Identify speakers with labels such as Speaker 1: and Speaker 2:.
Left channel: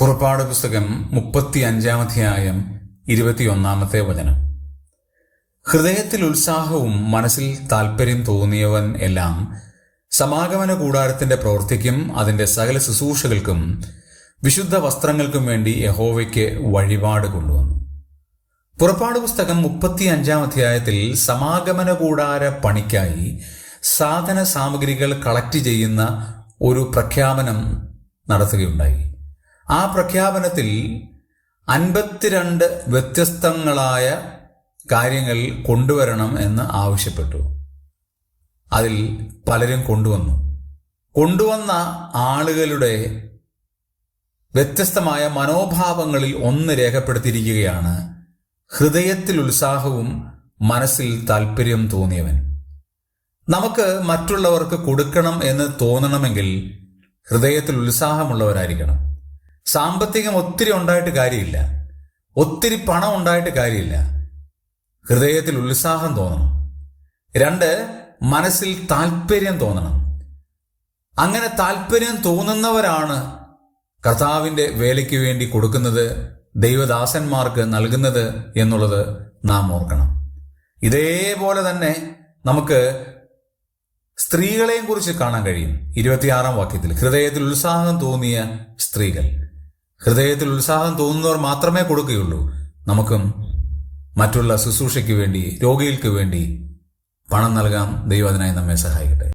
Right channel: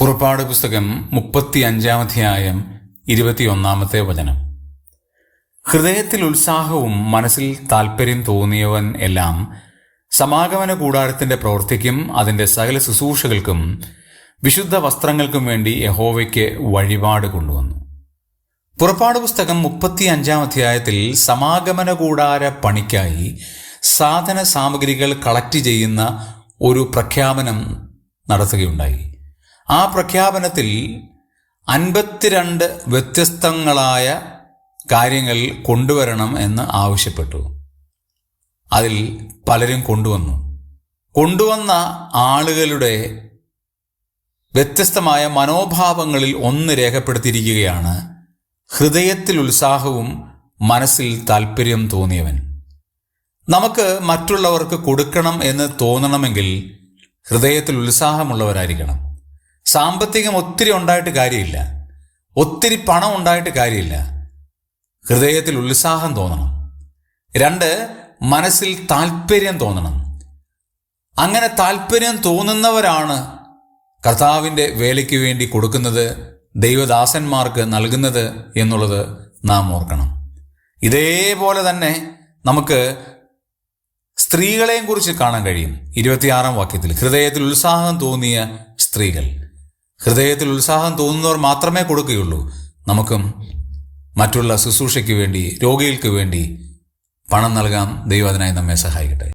Speaker 1: പുറപ്പാട് പുസ്തകം മുപ്പത്തി അഞ്ചാമധ്യായം ഇരുപത്തിയൊന്നാമത്തെ വചനം. ഹൃദയത്തിൽ ഉത്സാഹവും മനസ്സിൽ താൽപ്പര്യം തോന്നിയവൻ എല്ലാം സമാഗമന കൂടാരത്തിന്റെ പ്രവൃത്തിക്കും അതിന്റെ സകല ശുശ്രൂഷകൾക്കും വിശുദ്ധ വസ്ത്രങ്ങൾക്കും വേണ്ടി യഹോവയ്ക്ക് വഴിപാട് കൊണ്ടുവന്നു. പുറപ്പാട് പുസ്തകം മുപ്പത്തി അഞ്ചാം അധ്യായത്തിൽ സമാഗമന കൂടാര പണിക്കായി സാധന സാമഗ്രികൾ കളക്ട് ചെയ്യുന്ന ഒരു പ്രഖ്യാപനം നടത്തുകയുണ്ടായി. ആ പ്രഖ്യാപനത്തിൽ അൻപത്തിരണ്ട് വ്യത്യസ്തങ്ങളായ കാര്യങ്ങൾ കൊണ്ടുവരണം എന്ന് ആവശ്യപ്പെട്ടു. അതിൽ പലരും കൊണ്ടുവന്നു. കൊണ്ടുവന്ന ആളുകളുടെ വ്യത്യസ്തമായ മനോഭാവങ്ങളിൽ ഒന്ന് രേഖപ്പെടുത്തിയിരിക്കുകയാണ് ഹൃദയത്തിൽ ഉത്സാഹവും മനസ്സിൽ താല്പര്യം തോന്നിയവൻ. നമുക്ക് മറ്റുള്ളവർക്ക് കൊടുക്കണം എന്ന് തോന്നണമെങ്കിൽ ഹൃദയത്തിൽ ഉത്സാഹമുള്ളവരായിരിക്കണം. സാമ്പത്തികം ഒത്തിരി ഉണ്ടായിട്ട് കാര്യമില്ല. ഒത്തിരി പണം ഉണ്ടായിട്ട് കാര്യമില്ല. ഹൃദയത്തിൽ ഉത്സാഹം തോന്നണം. രണ്ട് മനസ്സിൽ താല്പര്യം തോന്നണം. അങ്ങനെ താല്പര്യം തോന്നുന്നവരാണ് കർത്താവിന്റെ വേലയ്ക്ക് വേണ്ടി കൊടുക്കുന്നത് ദൈവദാസന്മാർക്ക് നൽകുന്നത് എന്നുള്ളത് നാം ഓർക്കണം. ഇതേപോലെ തന്നെ നമുക്ക് സ്ത്രീകളെയും കുറിച്ച് കാണാൻ കഴിയും. ഇരുപത്തിയാറാം വാക്യത്തിൽ ഹൃദയത്തിൽ ഉത്സാഹം തോന്നിയ സ്ത്രീകൾ. ഹൃദയത്തിൽ ഉത്സാഹം തോന്നുന്നവർ മാത്രമേ കൊടുക്കുകയുള്ളൂ. നമുക്കും മറ്റുള്ള ശുശ്രൂഷയ്ക്ക് വേണ്ടി രോഗികൾക്ക് വേണ്ടി പണം നൽകാൻ ദൈവം അതിനായി നമ്മെ സഹായിക്കട്ടെ.